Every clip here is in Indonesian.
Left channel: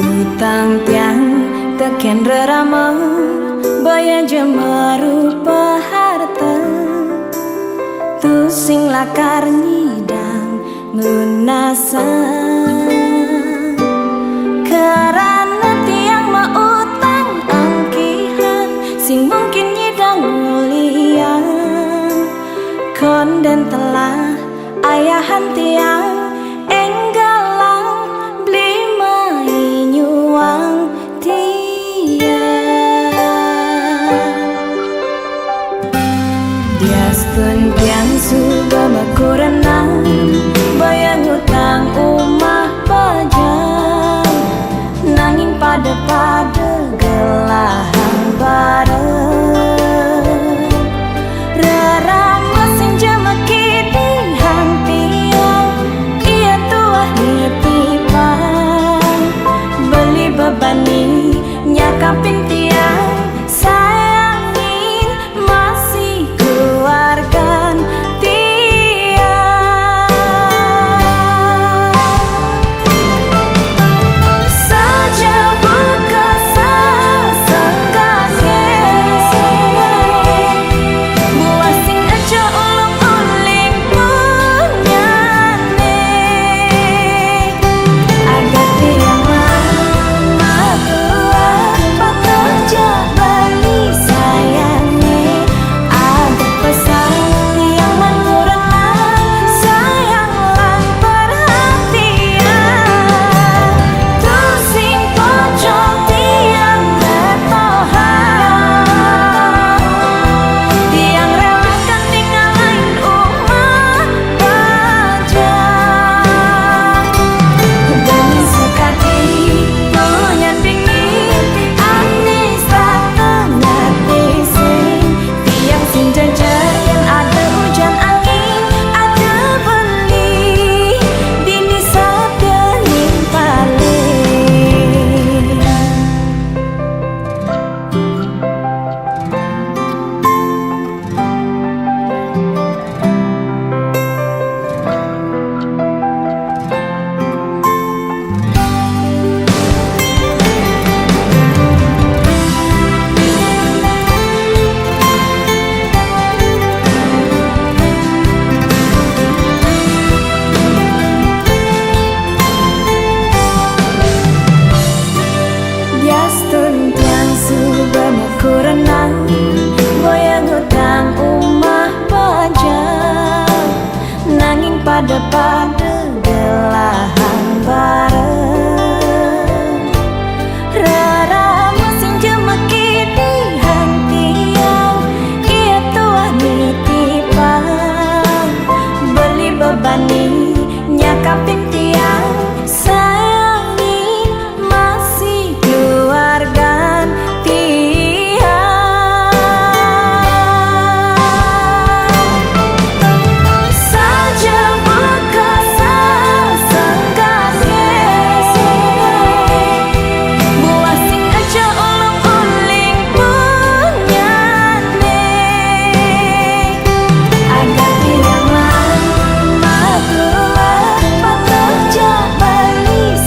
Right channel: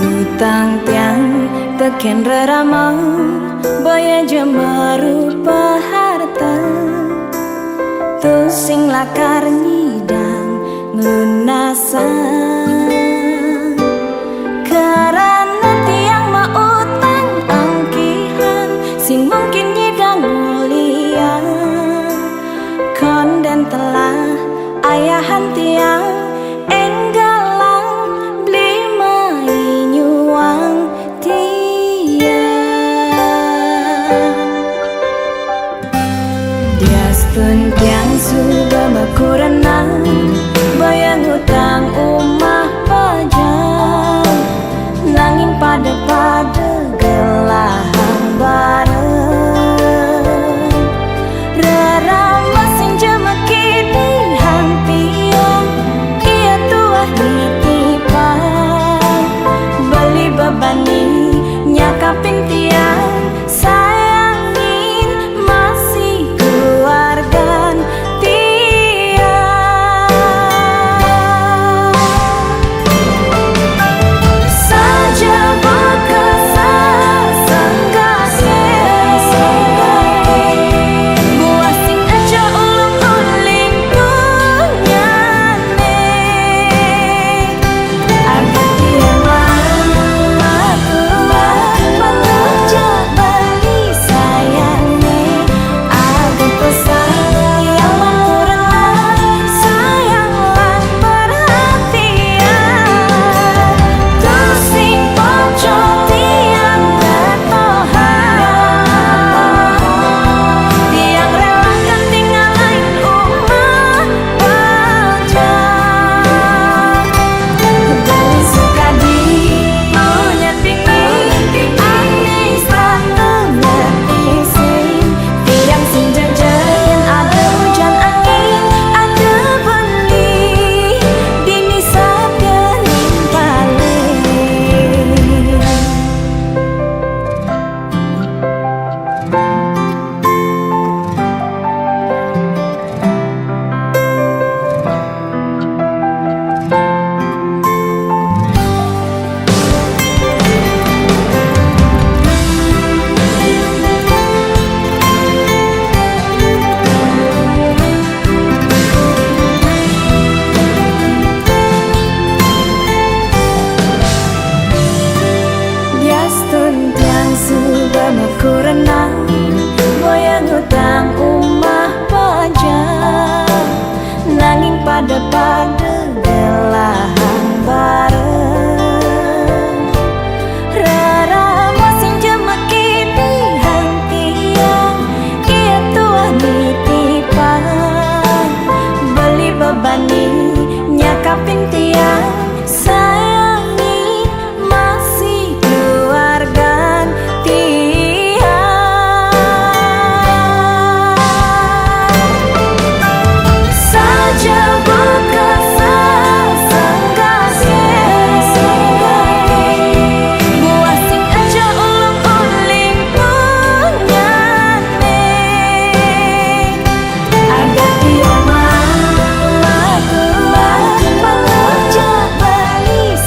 Utang tiang teken rerama baya jemarupa harta tu sing lakar nyidang ngelunasan karena tiang mautang angkihan sing mungkin nyidang muliang konden telah ayahan tiang enggalang beli mai nyuang tiang dia stun tiang suba makurenan bayang utang umah pajang nanging pada gelahang bareng rerama sing jemeki di hang tiang ia tuah nitipang beli bebani nyakapin tiang sayangin masih keluargan tiang saja bakasa senggake buah sing aja ulung uling punyane agar tiang lama tua bekerja beli sayangnya agar pesan tiang man kurenan sayang lan perhatian tusing pojok tiang bertohan tiang relakan tinggalin umah bajang beli sekadi punyan bingin aneh stratenya tising tiang sing jajayan ada hujan angin ada beli dini sabda nimpale Diastun tiang suba makurenan boyang utang umah pajang nanging pada gelahang bareng rerama sing jemeki di hang tiang ia tuah nitipang beli bebani nyakapin tiang sayangin masih keluargan tiang saja bakasa senggake buah sing aja ulung uling punyane agar tiang lama tua bekerja beli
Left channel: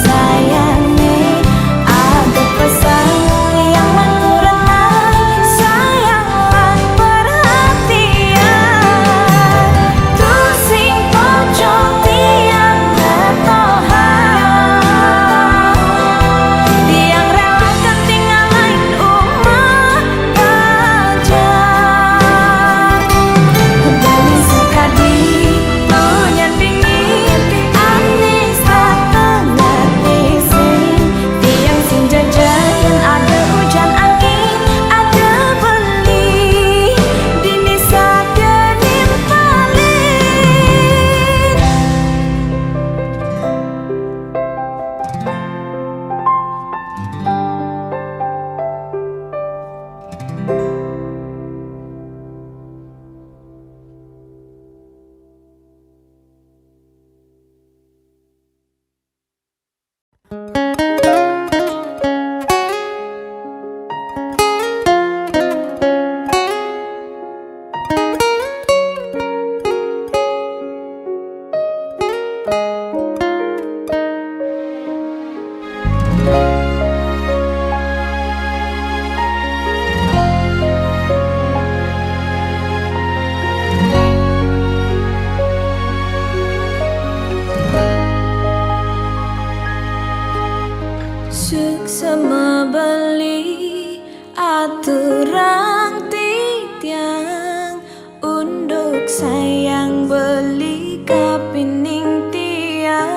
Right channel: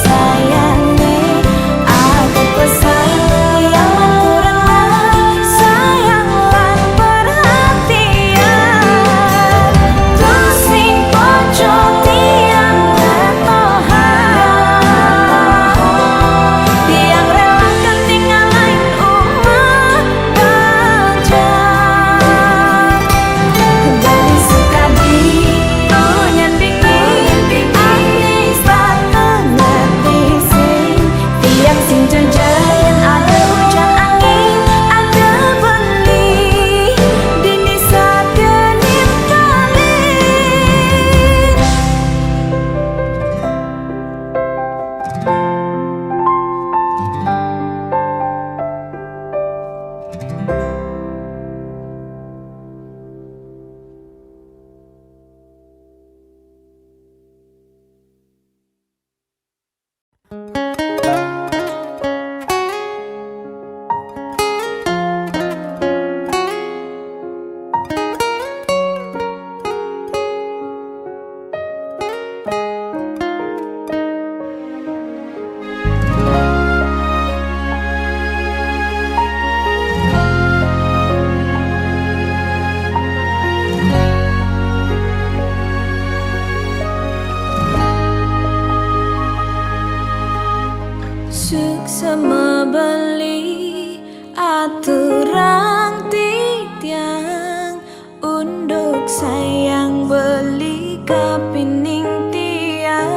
Suksema beli aturang titiang unduk sayang beli kapining tiang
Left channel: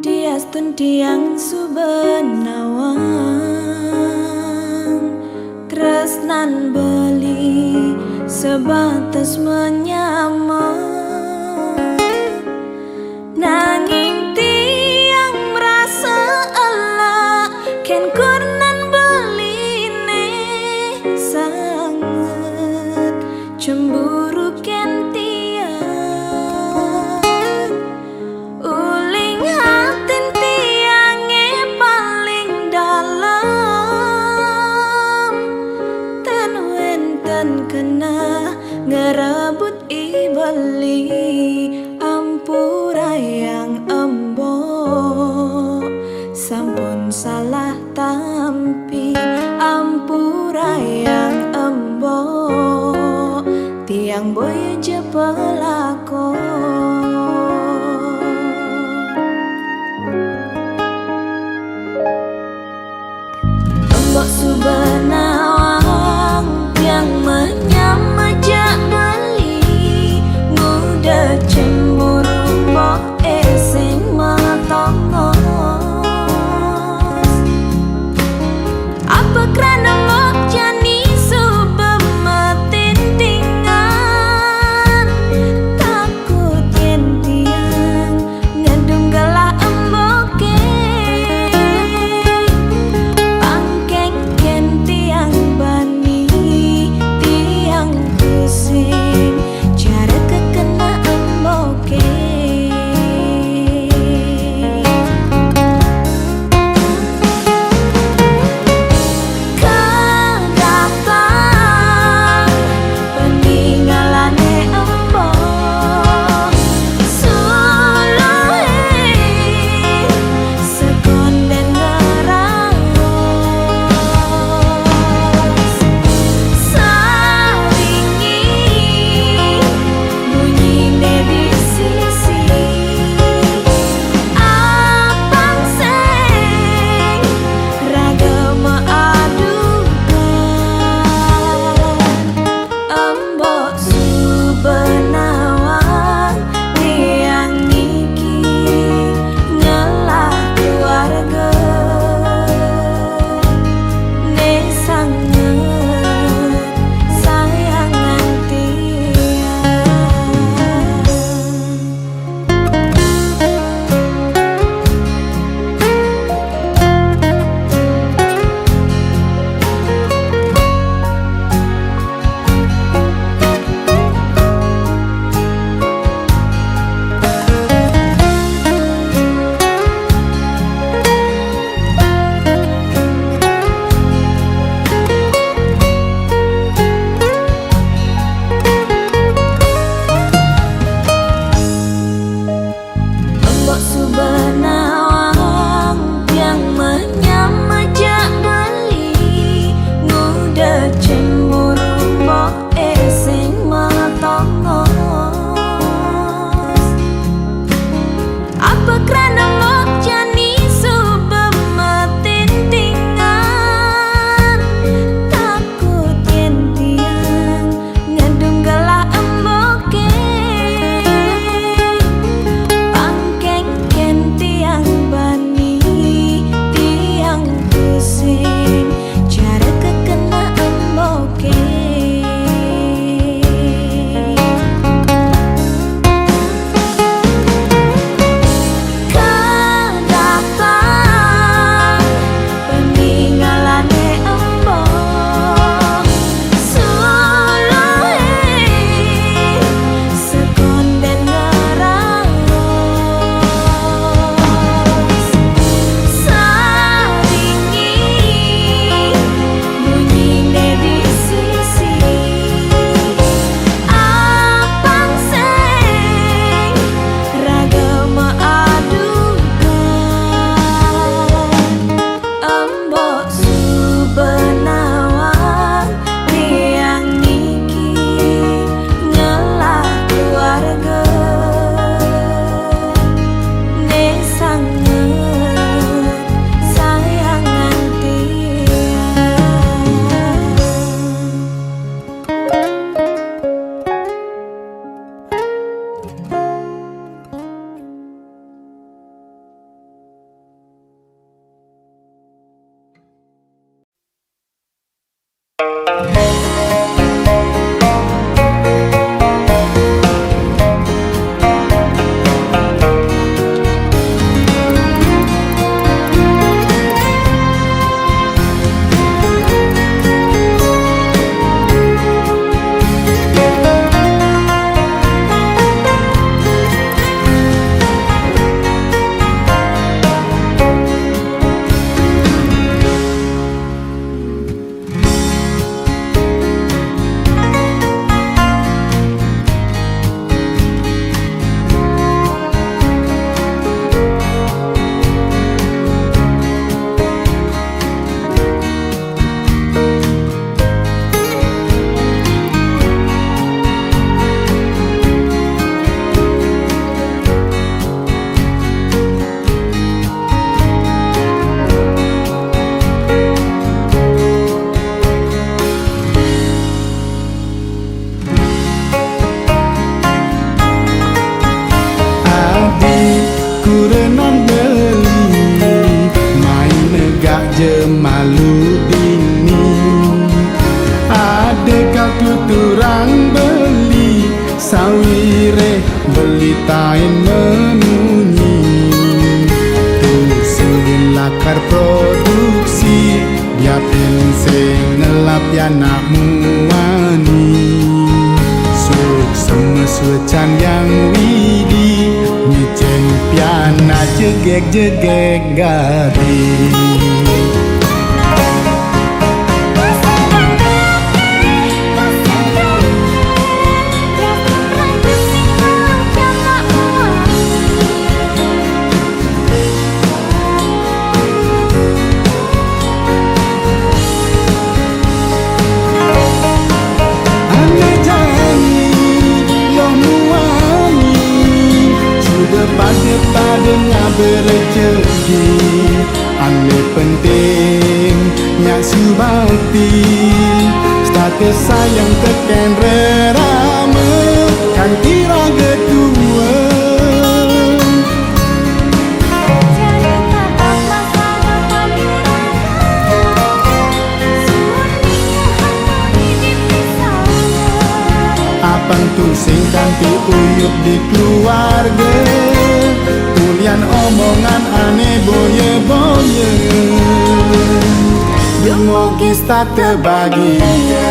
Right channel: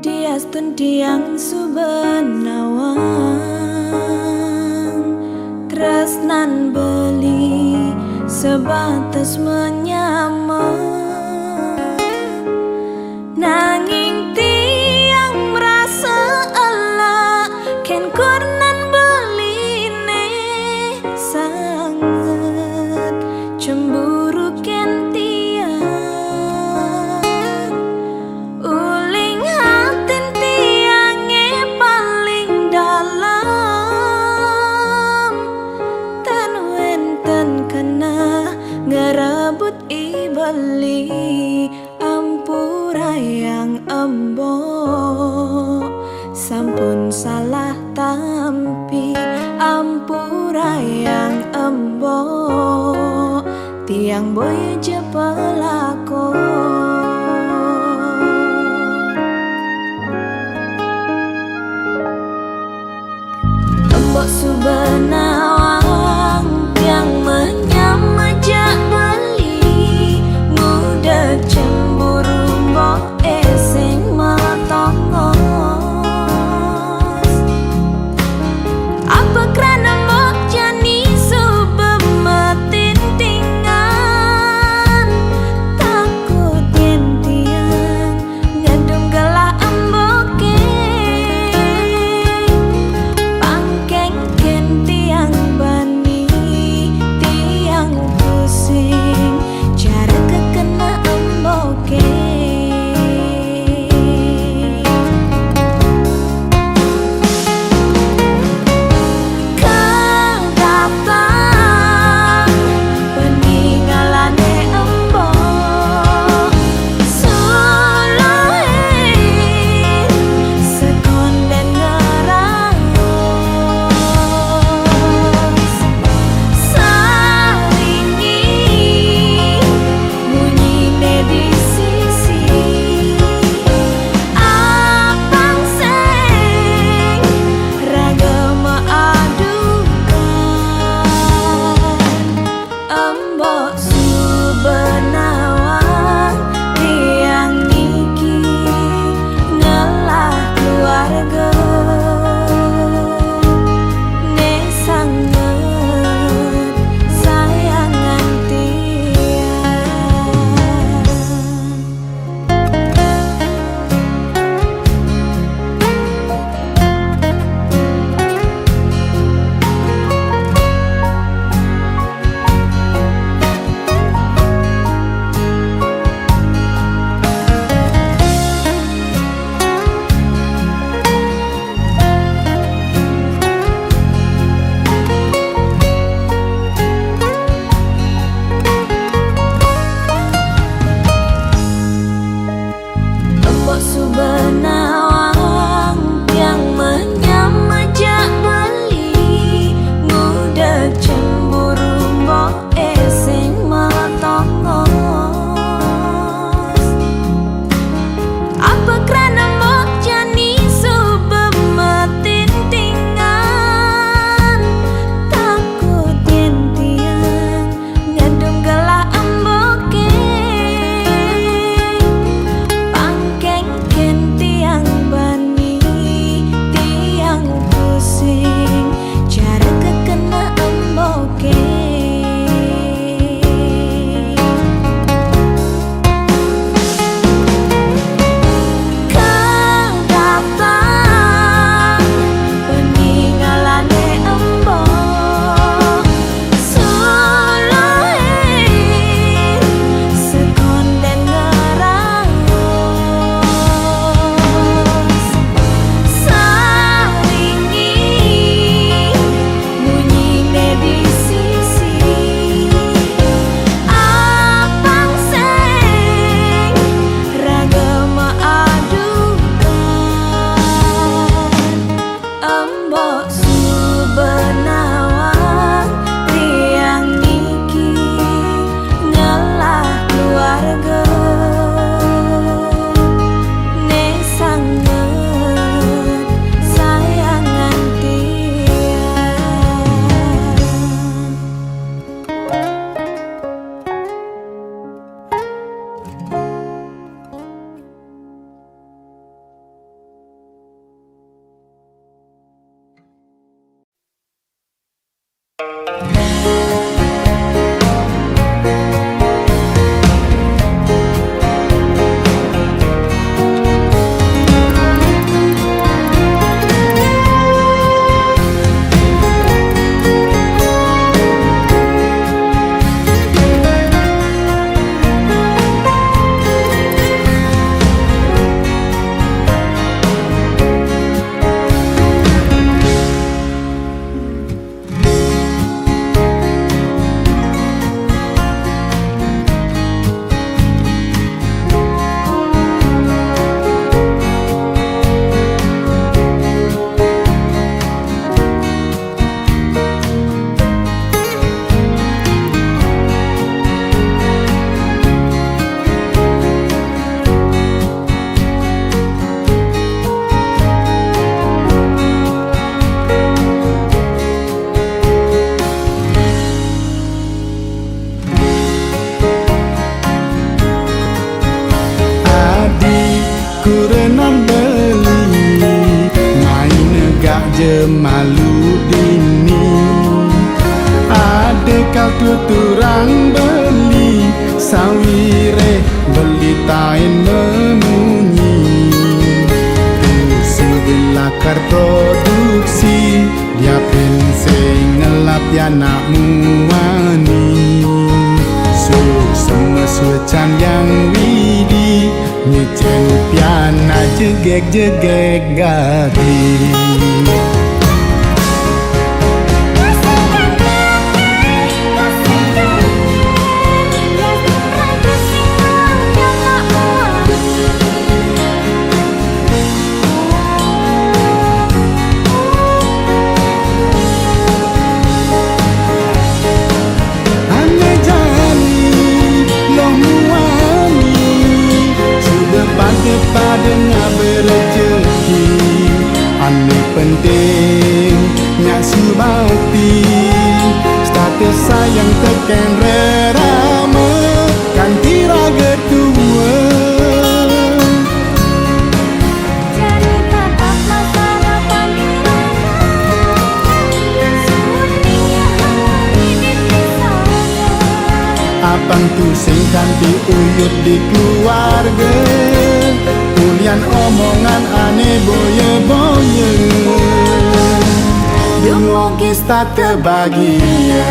diastun tiang subenawang tresnan beli sebatas menyamar nanging tiang merasa Allah ken kurnan beline sangat cemburu ken tiang uling hatin tiange paling dalam tan wenten kena ngerebut ibeli ampura yang embo sampun salah tampi ampura yang embo tiang boy je pelakon embok subenawang tiang menyamajak beli muda cemburu mbok sing metongos apa kerana mbok jani subemetin tingan takut yen tiang ngedum gelah emboke pangkeng ken Kurenan beli main negak je malu dini. Ada kau tuturang beli sawire beli tain memunyi. Tu sing lakar produksi dia pensing ngelap ya nak muani. Suk semeswecan yang widi ni piana jegek-jegek gadi. Pada ngaber rezeki ane penting nyak subakti status sayang teken rerame kanti raga tua. Jadi tatap masa depan iraga sudinya harmoni dipisahkan. Apang tu sing kanti uyut di keluarga Ulian omongan aneh boye-boye Demogis tak terbahagia.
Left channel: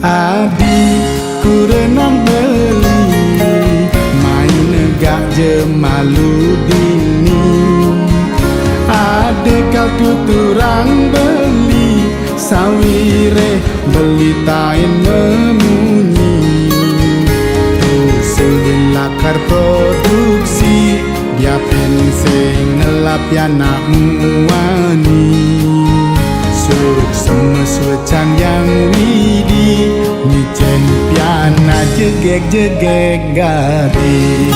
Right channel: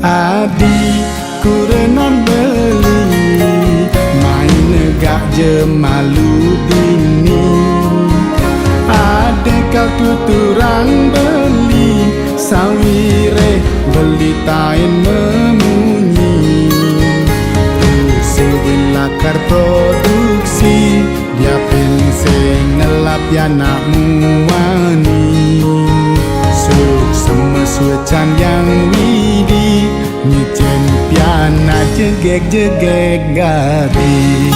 Adi kurenan beli main negak je malu dini. Ada kau tuturang beli sawire beli tain memunyi. Tu sing lakar produksi dia pensing ngelap ya nak muani. Suk semeswecan yang widi nyecen piana jegek-jegek gadi.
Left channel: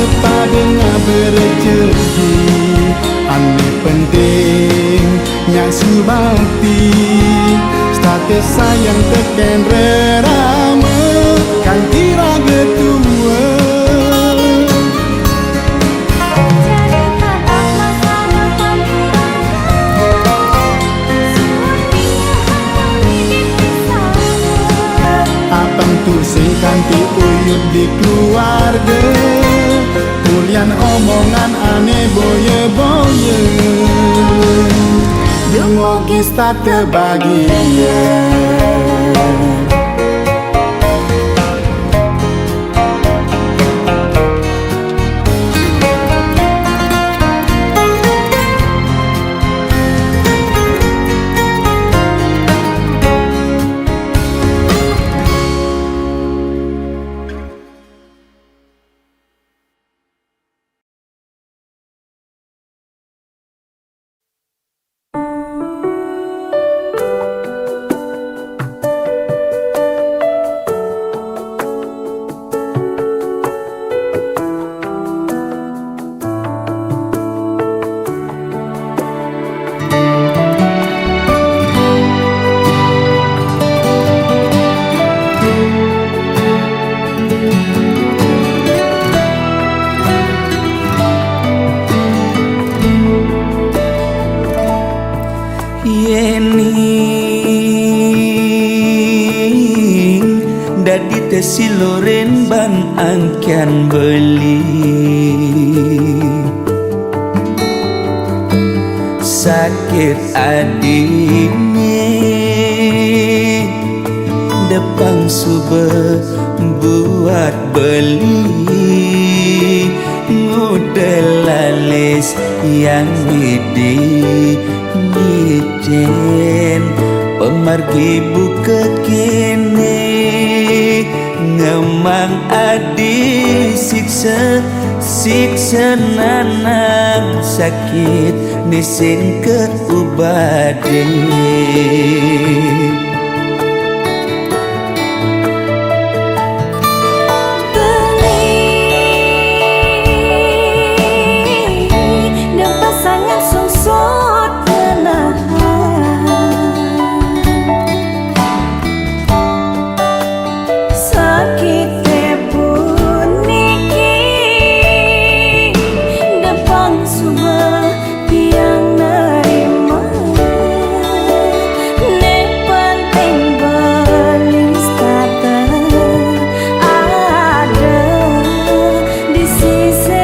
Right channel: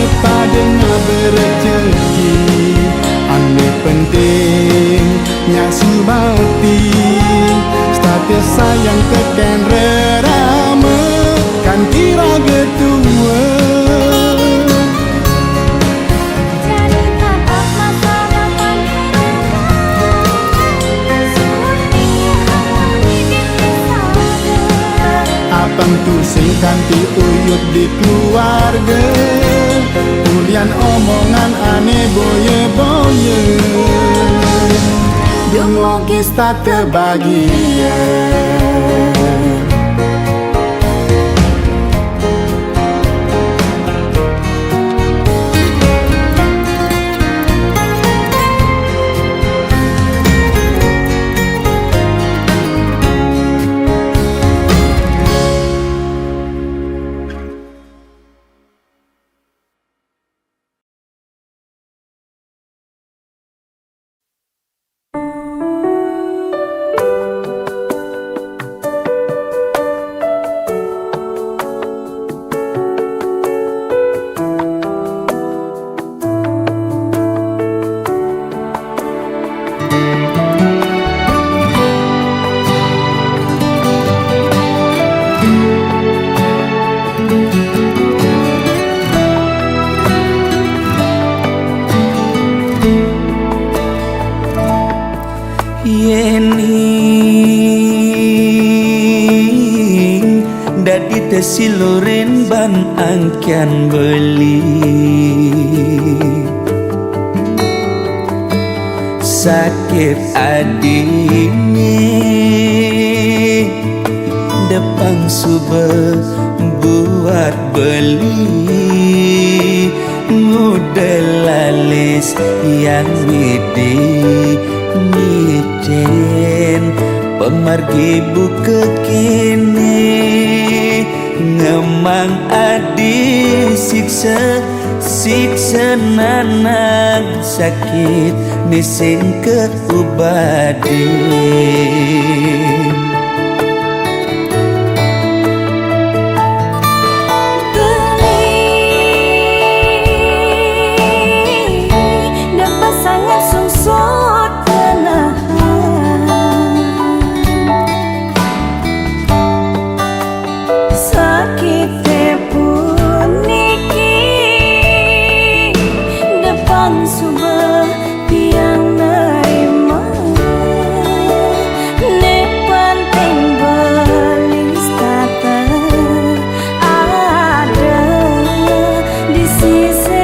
Pada ngaber rezeki ane penting nyak subakti status sayang teken rerame kanti raga tua. Jadi tatap masa depan iraga sudinya harmoni dipisahkan. Apang tu sing kanti uyut di keluarga Ulian omongan aneh boye-boye Demogis tak terbahagia. dadi tesiloren ban angkian beli sakit adine depang sube buat beli ngudelalis yang widi ngicen pemargi buka kene ngemang adi siksa siksa nanang sakit nising keubaden sangat sungsut menahan sakit puniki depang subah tiang nerima ne penting belis tata ada di sisi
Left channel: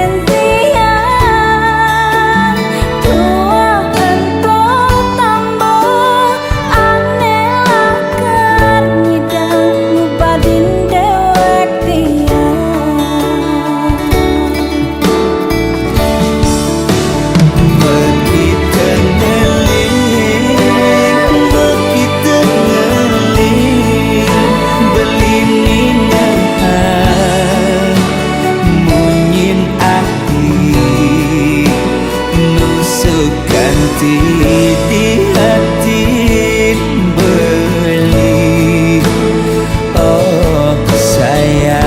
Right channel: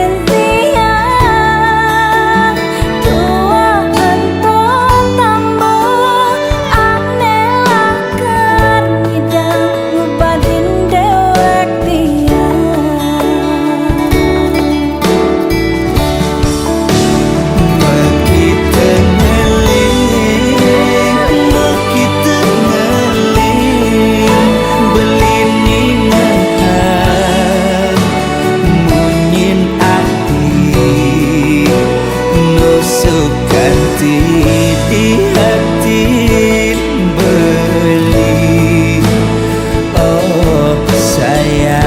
nusukanti di hati beli oh sayang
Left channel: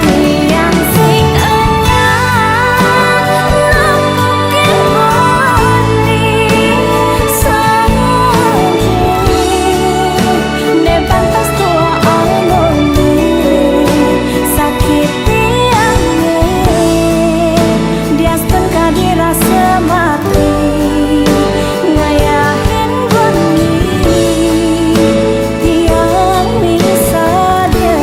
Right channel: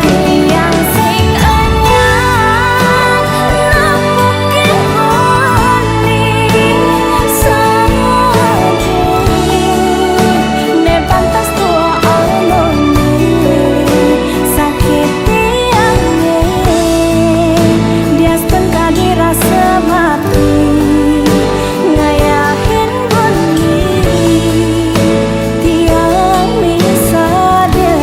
tiang sing anyar napukin beli sade ne pantas tua amone sakit diastun kadi rasa mati ngayahin beli tiang misalnya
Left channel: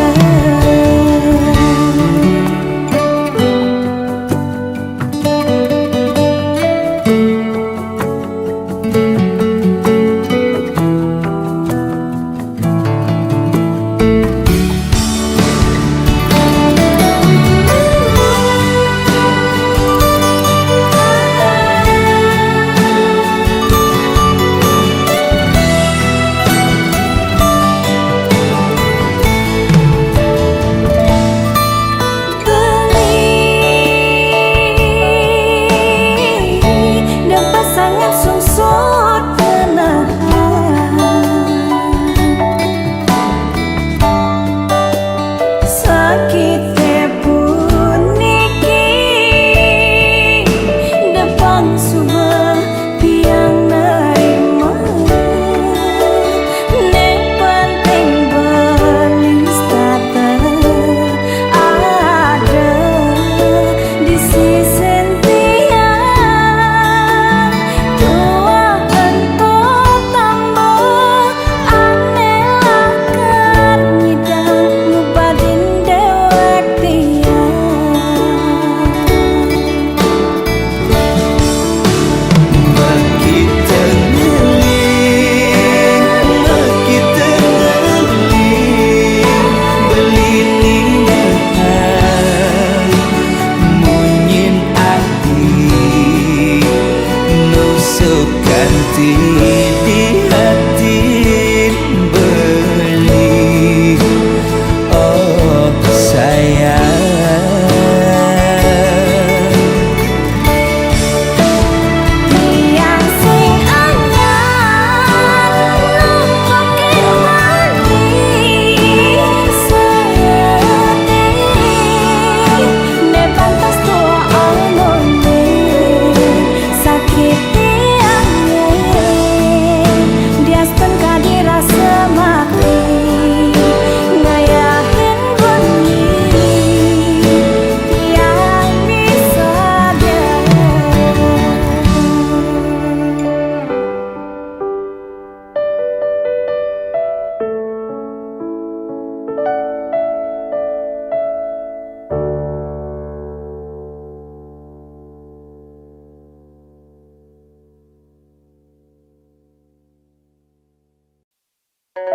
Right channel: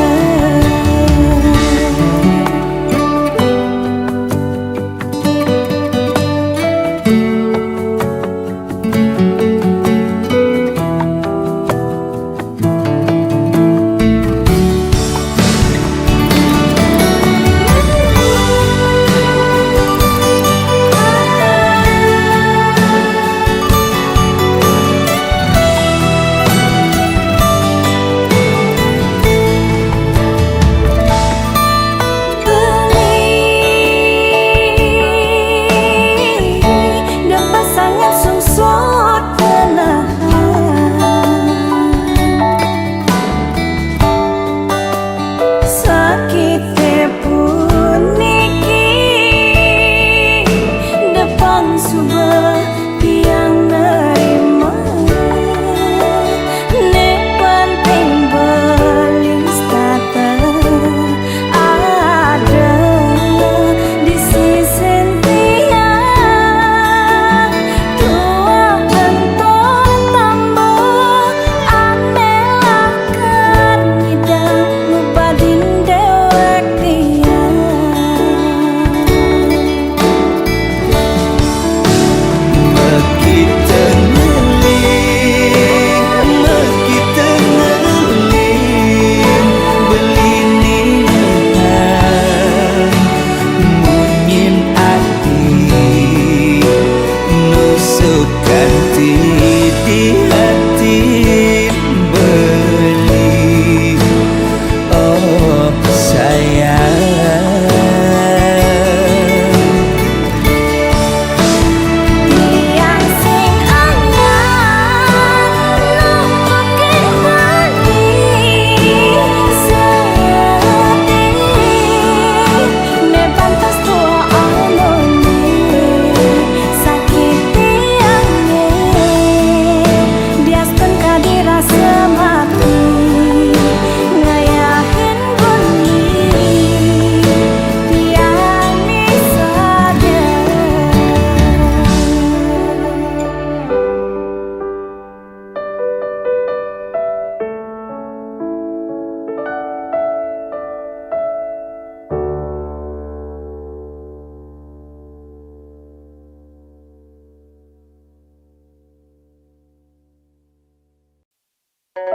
sangat sungsut menahan sakit puniki depang subah tiang nerima ne penting belis tata ada di sisi nusukanti di hati beli oh sayang tiang sing anyar nampakin beli sedih ne pantas tua amone sakit diastun kadi rasa mati ngayahin beli tiang misalnya Umpam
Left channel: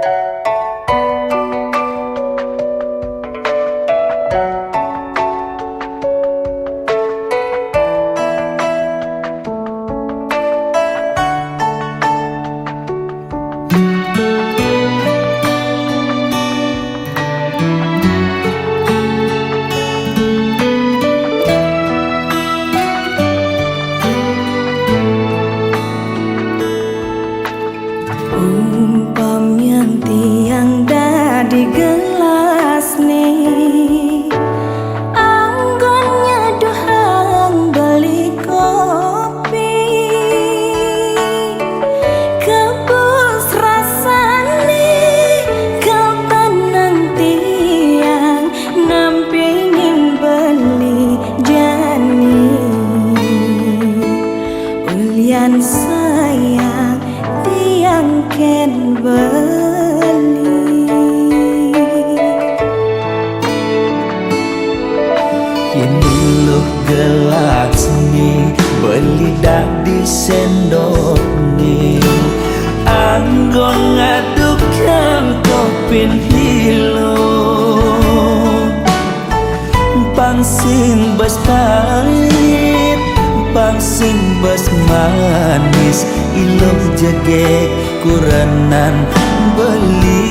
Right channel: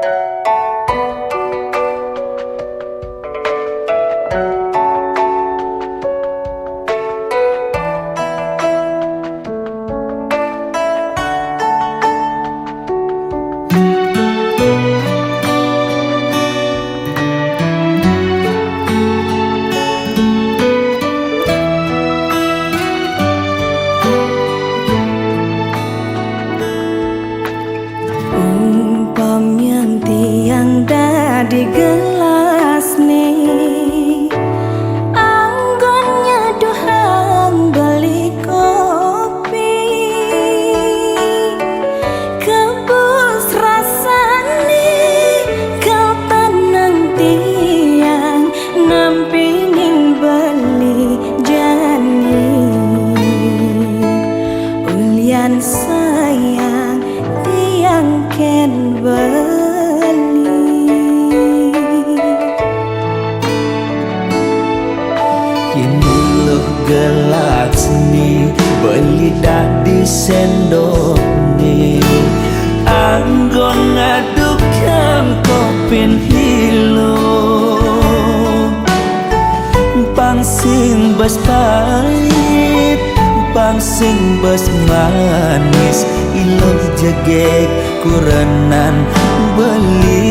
yang tiang di gelas nih, anggonnya dohang beli kopi, kebus rasane kau tenang tiang nampingin beli jani. Ulian sayang tiang ken beli, Kini loh gelas nih beli dah di sendok nih, anggon ngadukan kopin hilo, pangsing bas pahit pangsing bas manis, iloh jegek kurenan beli,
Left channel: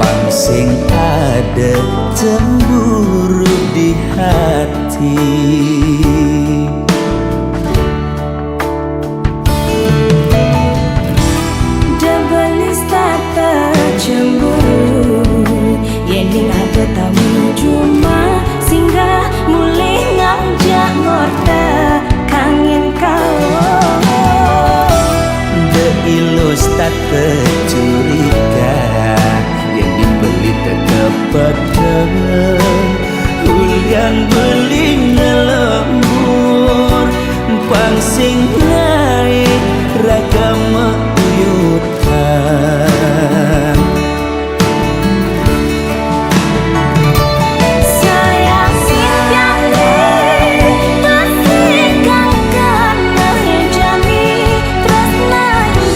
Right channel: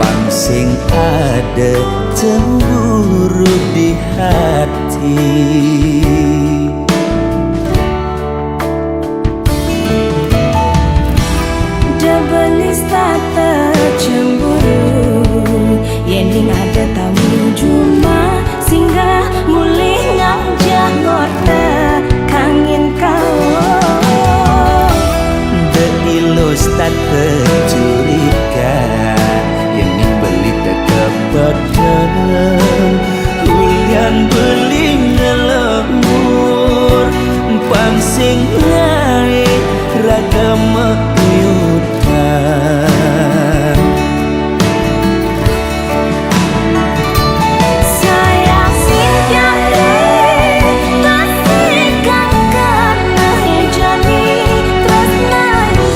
pangsing ada cemburu di hati. Debelis tata cemburu, yending ada tamu cuma singgah mulih ngajak ngorta kangin kau. De ilus tata curiga, yang beli teka pedang, hulian beli ngelembur, pangsing naik ragam uyutan. Sayang simpiang deh, pasti kang kena jani, tresna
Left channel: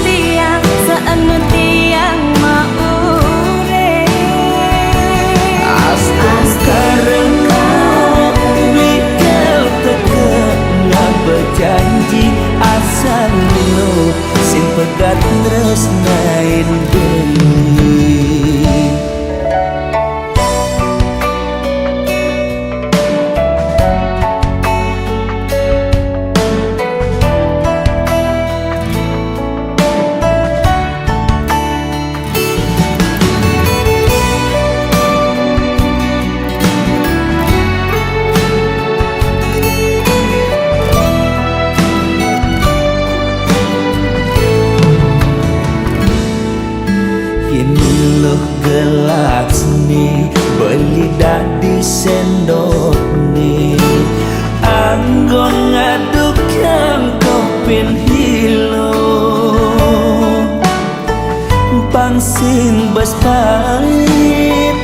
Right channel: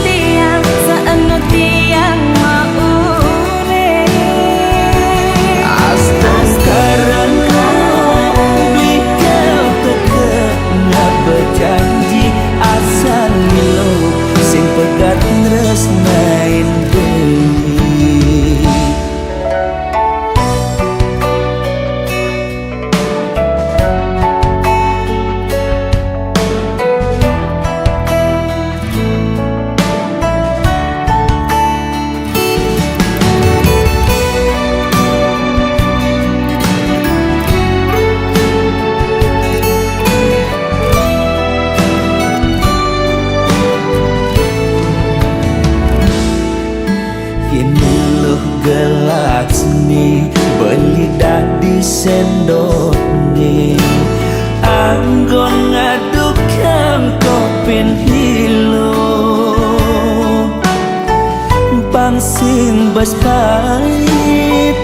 tiang saena tiang maure. Astung karena beli kau teka ngabejanji asal lilo, sing pegat nresnain beli. Kini loh gelas nih beli dah di sendok nih, anggon ngadukan kopin hilo, pangsing bas pahit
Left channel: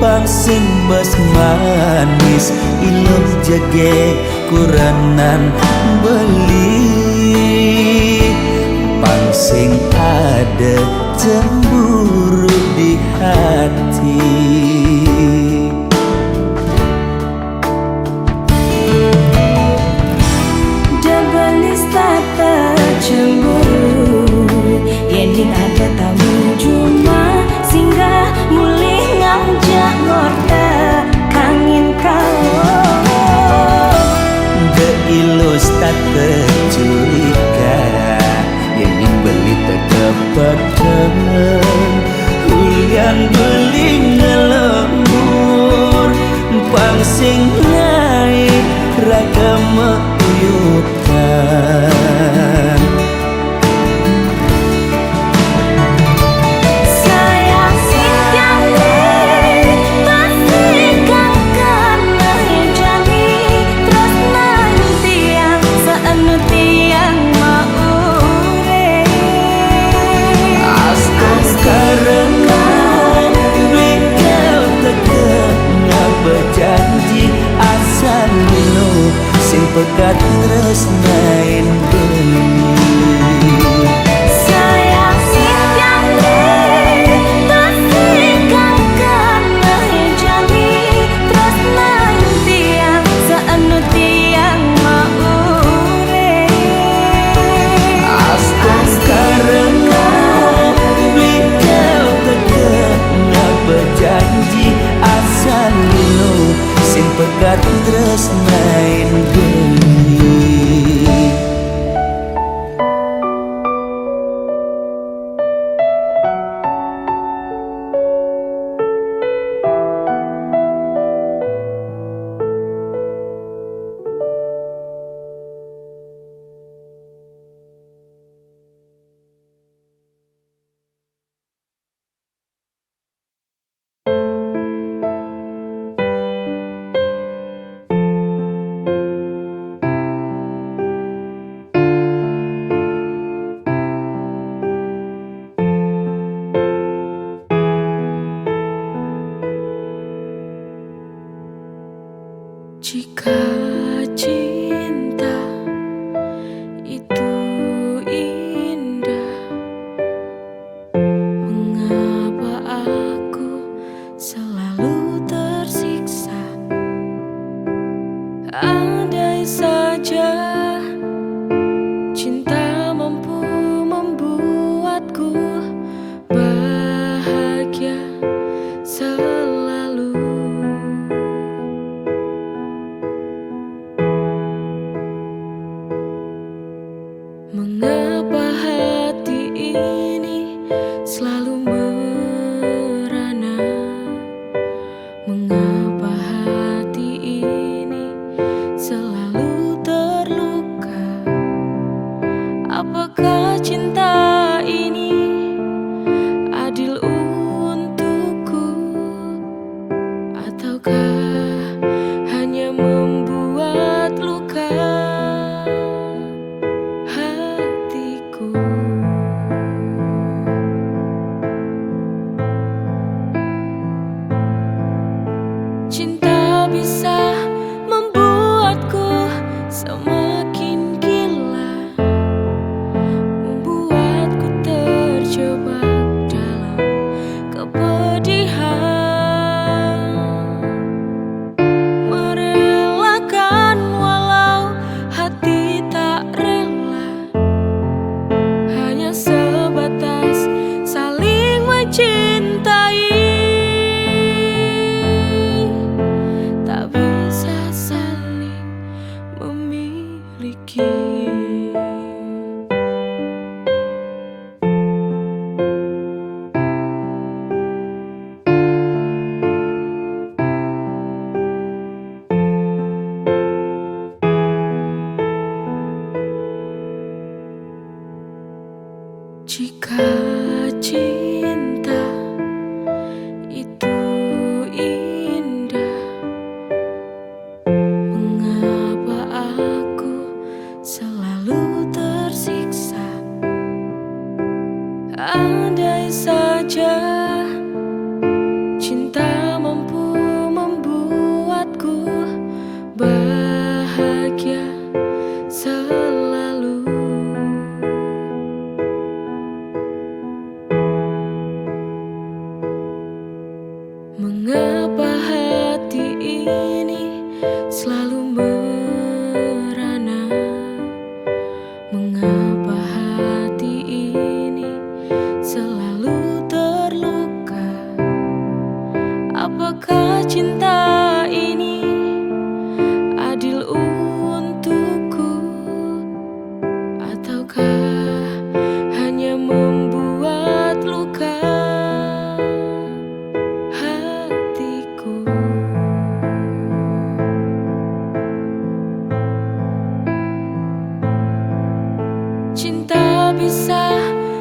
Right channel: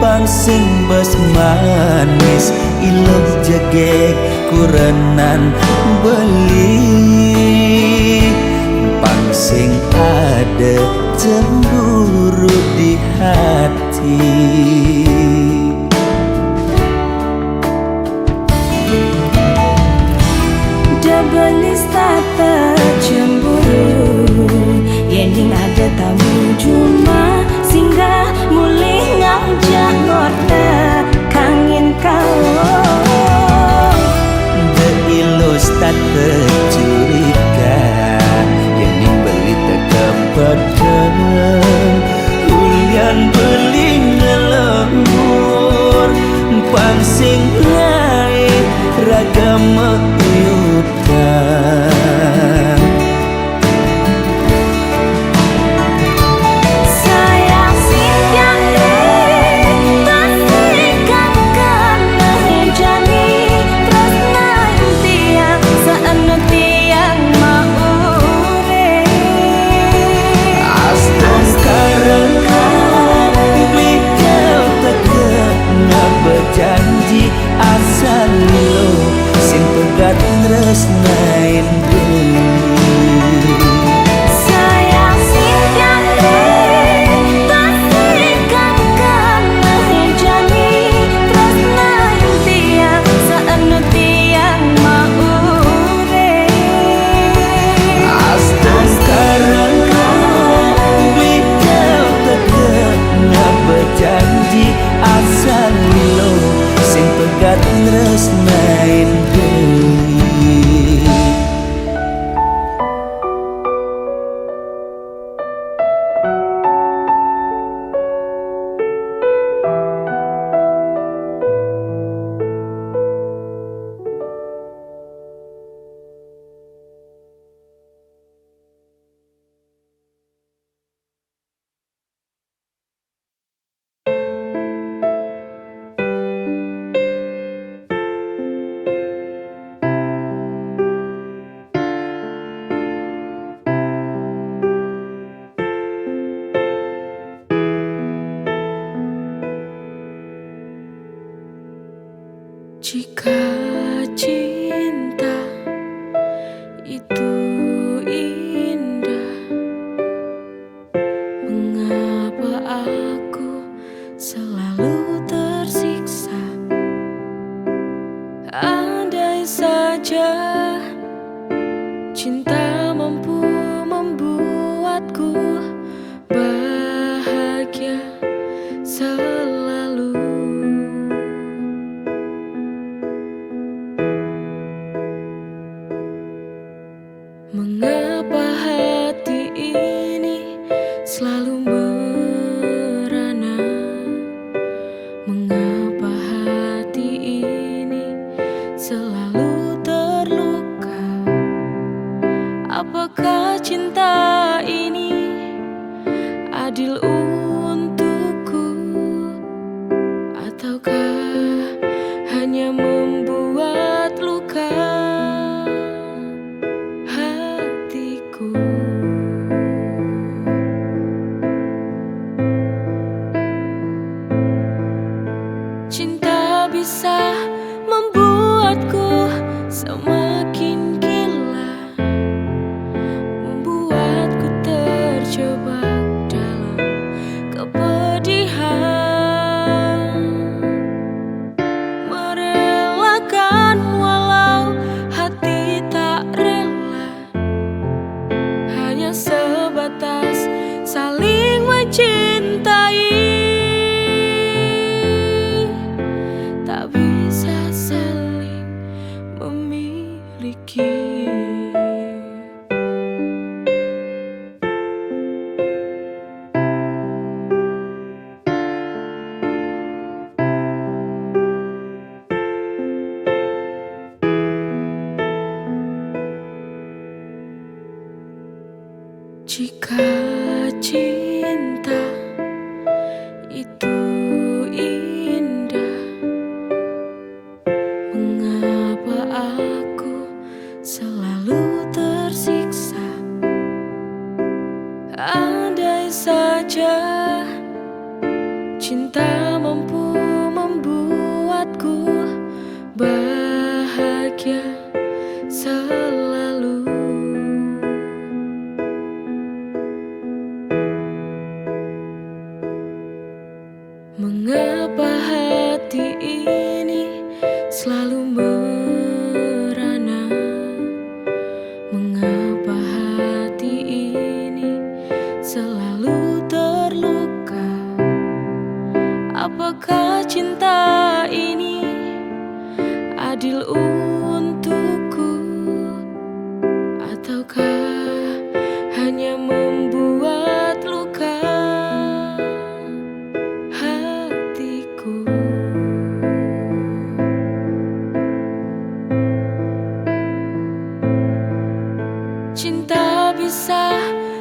pangsing bas manis, iloh jegek kurenan beli, pangsing ada cemburu di hati. Debelis tata cemburu, yending ada tamu cuma singgah mulih ngajak ngorta kangin kau. De ilus tata curiga, yang beli teka pedang, hulian beli ngelembur, pangsing naik ragam uyutan. Sayang simpiang deh, pasti kang kena jani, tresna tiang saena tiang maure. Astung karena beli kau teka ngabejanji asal lilo, sing pegat nresnain beli. Sayang simpiang bejanji asal lilo sing pegat nresnain geli. Jika cinta itu indah, mengapa aku selalu tersiksa? Andai saja cinta mampu membuatku bahagia selalu. Mengapa hati ini selalu merana? Mengapa hati ini selalu terluka? Apakah cinta ini adil untukku? Ataukah hanya membuat luka hatiku? Cinta bisa membuatku semakin gila, membuatku terjebak dalam kepedihan, merelakan walau hati tak rela, hanya sebatas saling mencintai, tak bisa saling memiliki. Jika cinta itu indah, mengapa aku selalu tersiksa? Andai saja cinta mampu membuatku bahagia selalu. Mengapa hati ini selalu merana? Mengapa hati ini selalu terluka? Apakah cinta ini adil untukku? Ataukah hanya membuat luka hatiku? Cinta bisa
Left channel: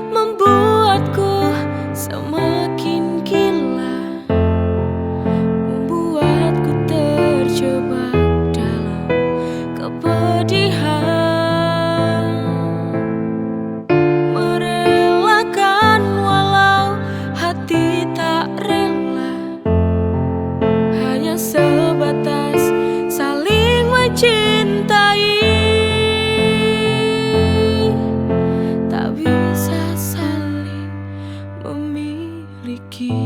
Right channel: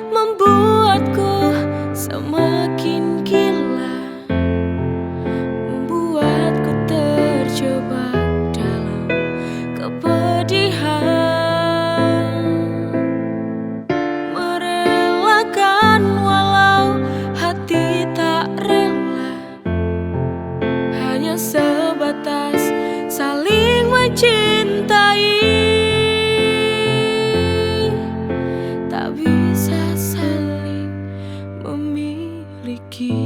membuatku semakin gila, membuatku terjebak dalam kepedihan, merelakan walau hati tak rela, hanya sebatas saling mencintai, tak bisa saling memiliki.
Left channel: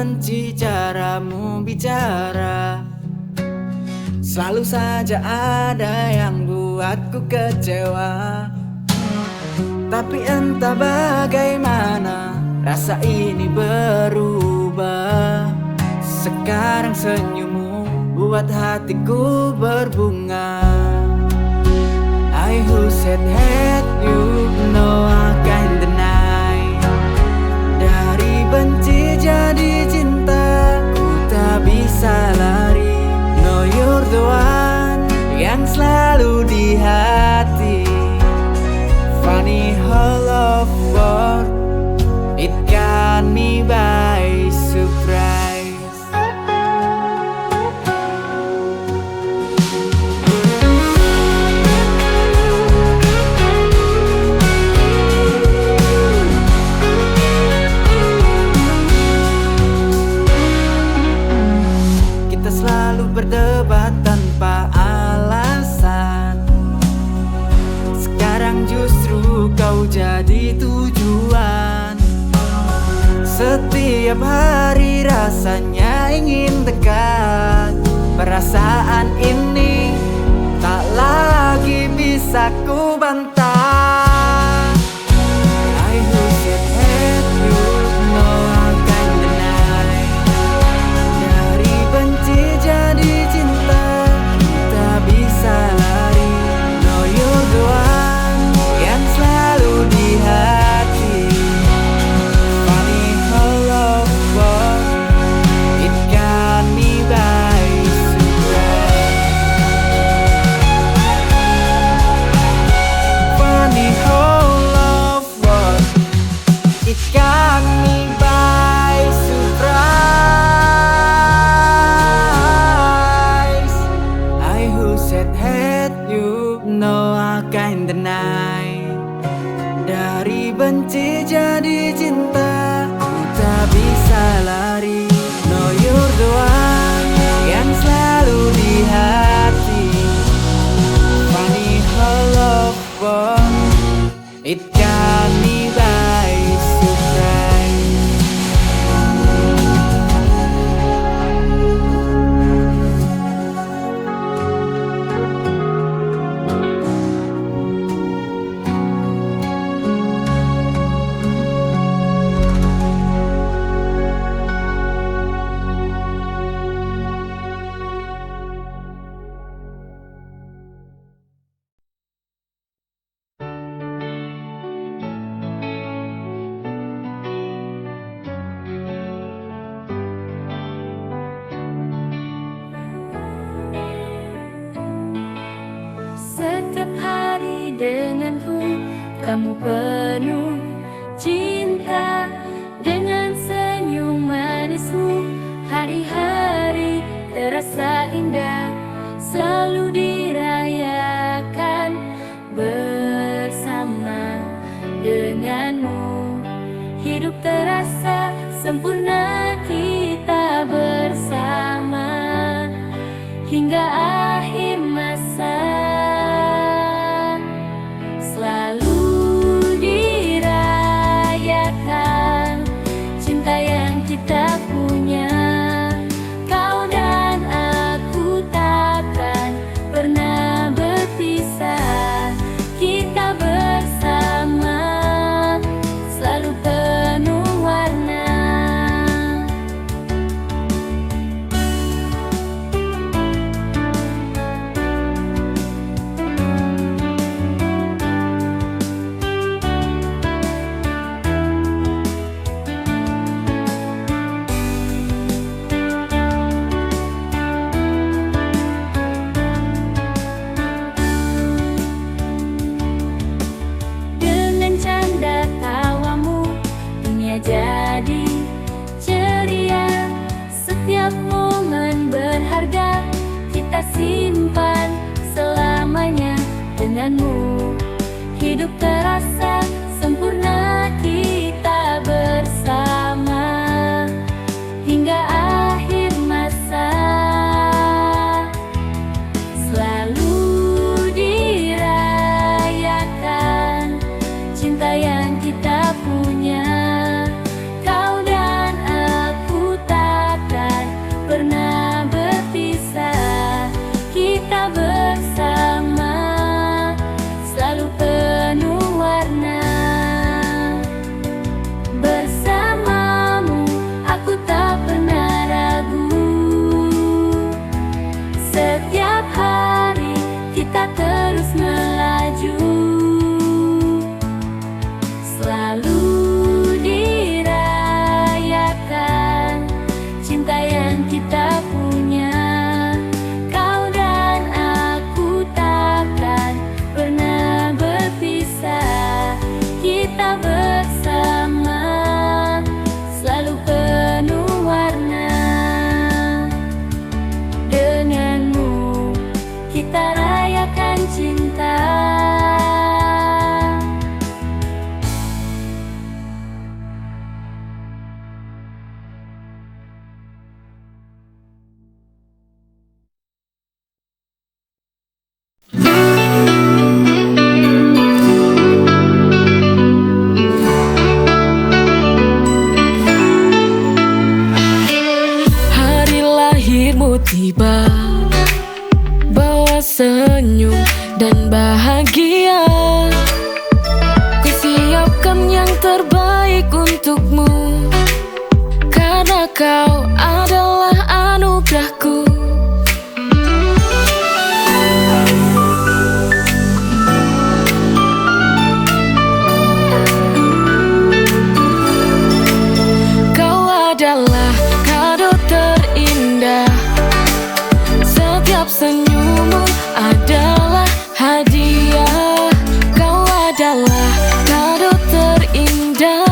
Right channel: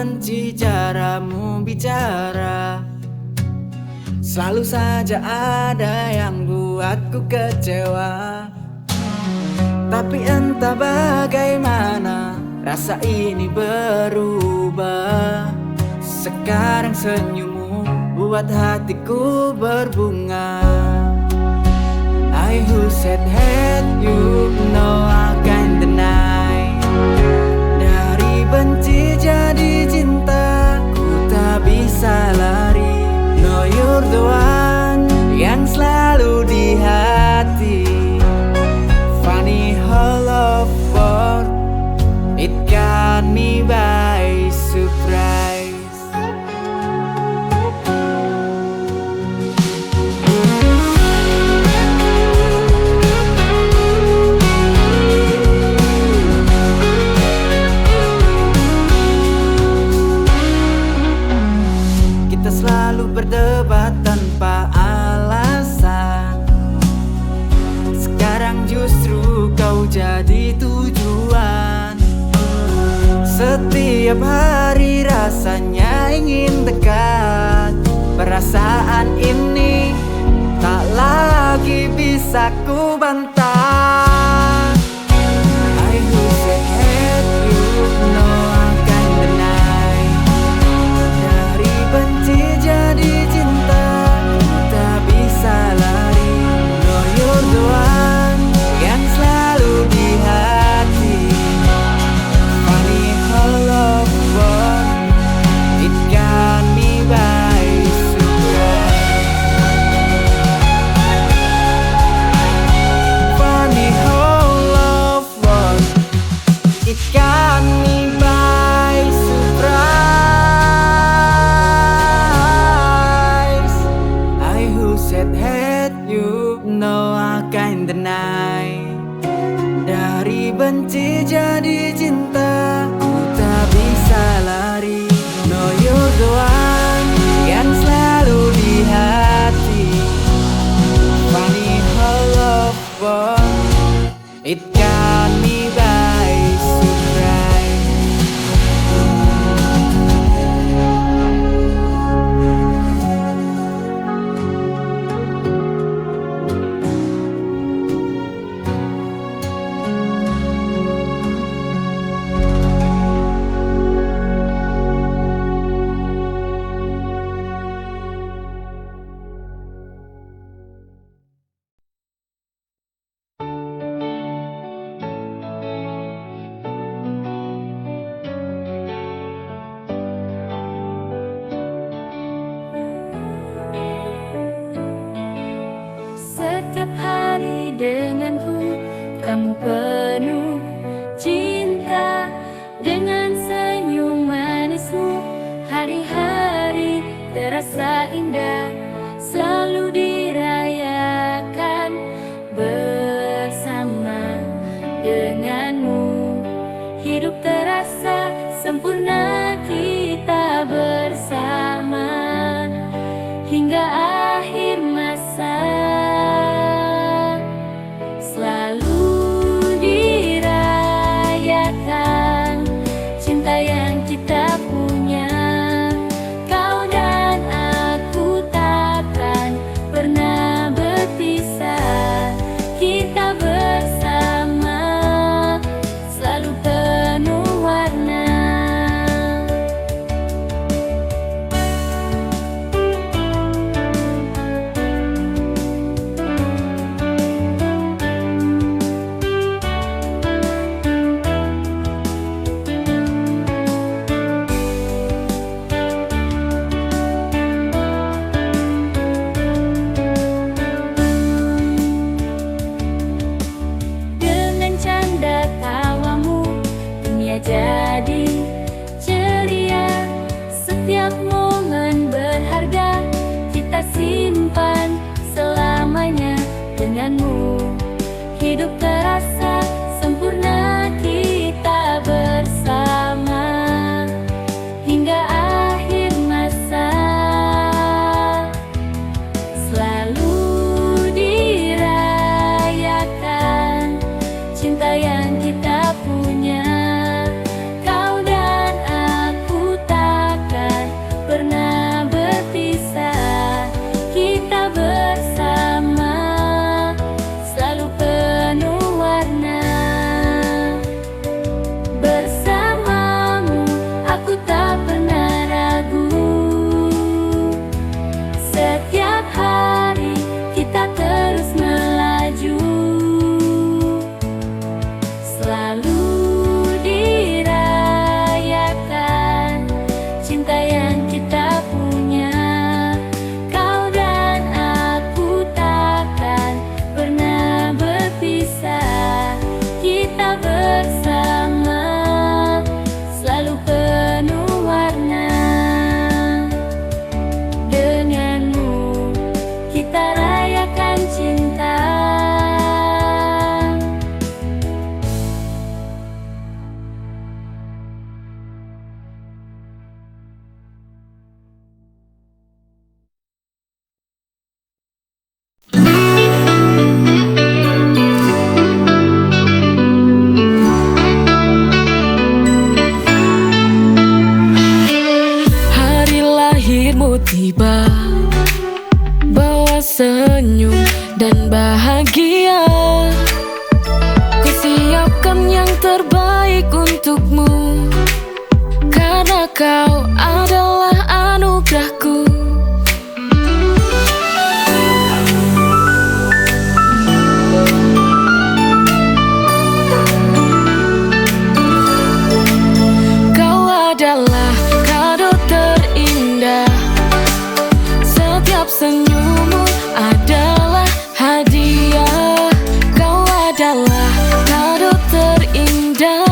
benci caramu bicara. Selalu saja ada yang buatku kecewa. Tapi entah bagaimana rasa ini berubah. Sekarang senyummu buat hatiku berbunga. I who said hate you, no I can't deny. Dari benci jadi cinta, ku tak bisa lari. No you're the one yang selalu di hati. Funny how love works, it got me by surprise. Kita selalu berdebat tanpa alasan. Sekarang justru kau jadi tujuan. Setiap hari rasanya ingin dekat. Perasaan ini tak lagi bisa ku bantah. I who said hate you, no I can't deny. Dari benci jadi cinta, ku tak bisa lari. No you're the one yang selalu di hati. Funny how love works, it got me by surprise. Funny how love works, it got me by surprise. I who said hate you, no I can't deny. Dari benci jadi cinta, ku tak bisa lari. No you're the one yang selalu di hati. Funny how love works, it got me by surprise. Setiap hari denganku, kamu penuh cinta. Dengan senyum manismu, hari-hari terasa indah. Selalu dirayakan bersama denganmu. Hidup terasa sempurna kita bersama hingga akhir masa. Selalu dirayakan cinta yang kita punya. Kau dan aku takkan pernah berpisah. Kita bersama selalu penuh warna. Jadi ceria, setiap momen berharga kita simpan selamanya denganmu. Hidup terasa sempurna kita bersama hingga akhir masa. Selalu dirayakan cinta yang kita punya. Kau dan aku tak kita bersama, selalu penuh warna. Bersamamu aku tak pernah ragu. Setiap hari kita terus melaju, selalu dirayakan cinta yang kita punya. Kau dan aku takkan pernah berpisah. Kita bersama, selalu penuh warna. Denganmu kita rayakan cinta. Hari lahirmu tiba, bawa senyum dan bahagia. Kusiapkan yang terbaik untukmu, karena kau adalah anugerahku. Kau adalah kado terindah, setiap senyummu adalah hadiah. Kau adalah kado terindah,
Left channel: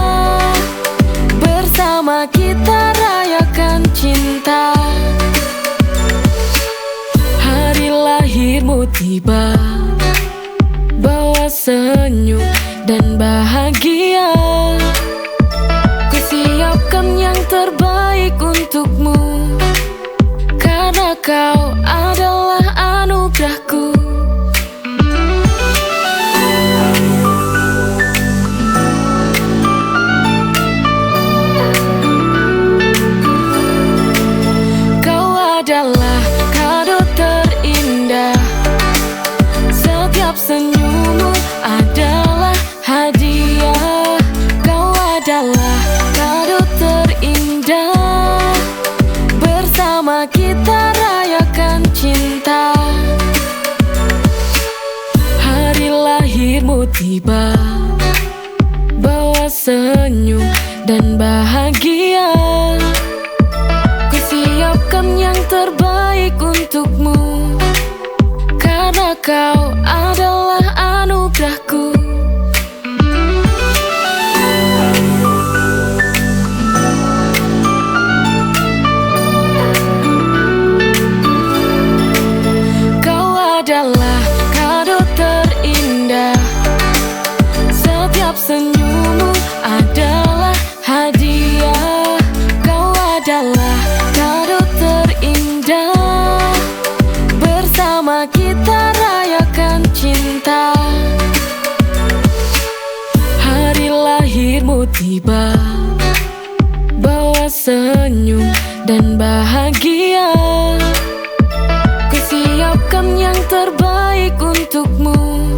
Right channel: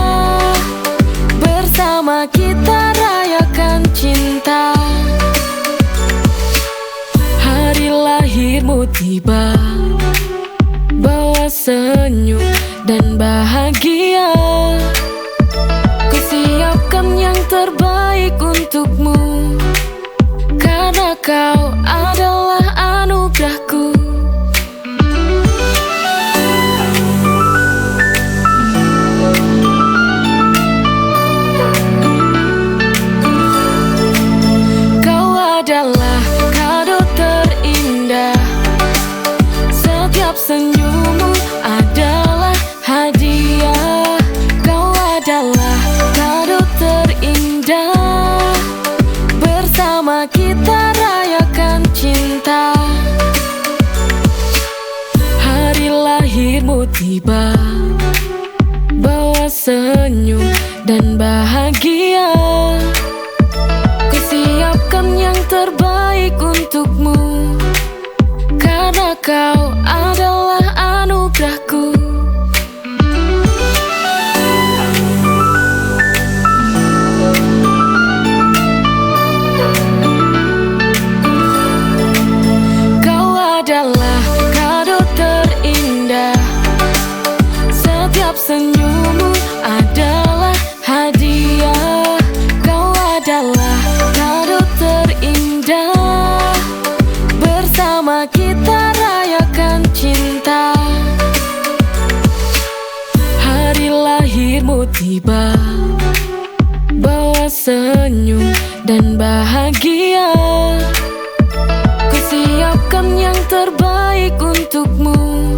bersama kita rayakan cinta. Hari lahirmu tiba, bawa senyum dan bahagia. Kusiapkan yang terbaik untukmu, karena kau adalah anugerahku. Kau adalah kado terindah, setiap senyummu adalah hadiah. Kau adalah kado terindah, bersama kita rayakan cinta. Hari lahirmu tiba, bawa senyum dan bahagia. Kusiapkan yang terbaik untukmu, karena kau adalah anugerahku. Kau adalah kado terindah, setiap senyummu adalah hadiah. Kau adalah kado terindah, bersama kita rayakan cinta. Hari lahirmu tiba, bawa senyum dan bahagia. Kusiapkan yang terbaik untukmu,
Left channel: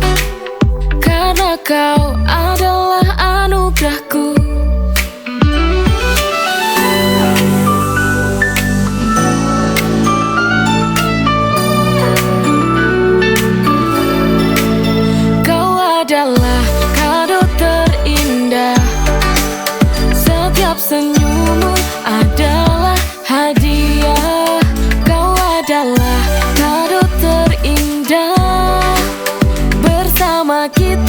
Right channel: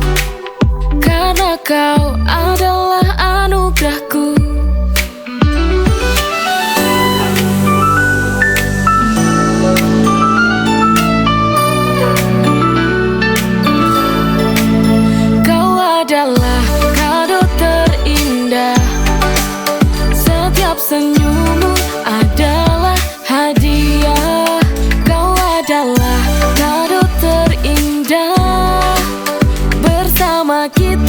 karena kau adalah anugerahku. Kau adalah kado terindah, setiap senyummu adalah hadiah. Kau adalah kado terindah, bersama kita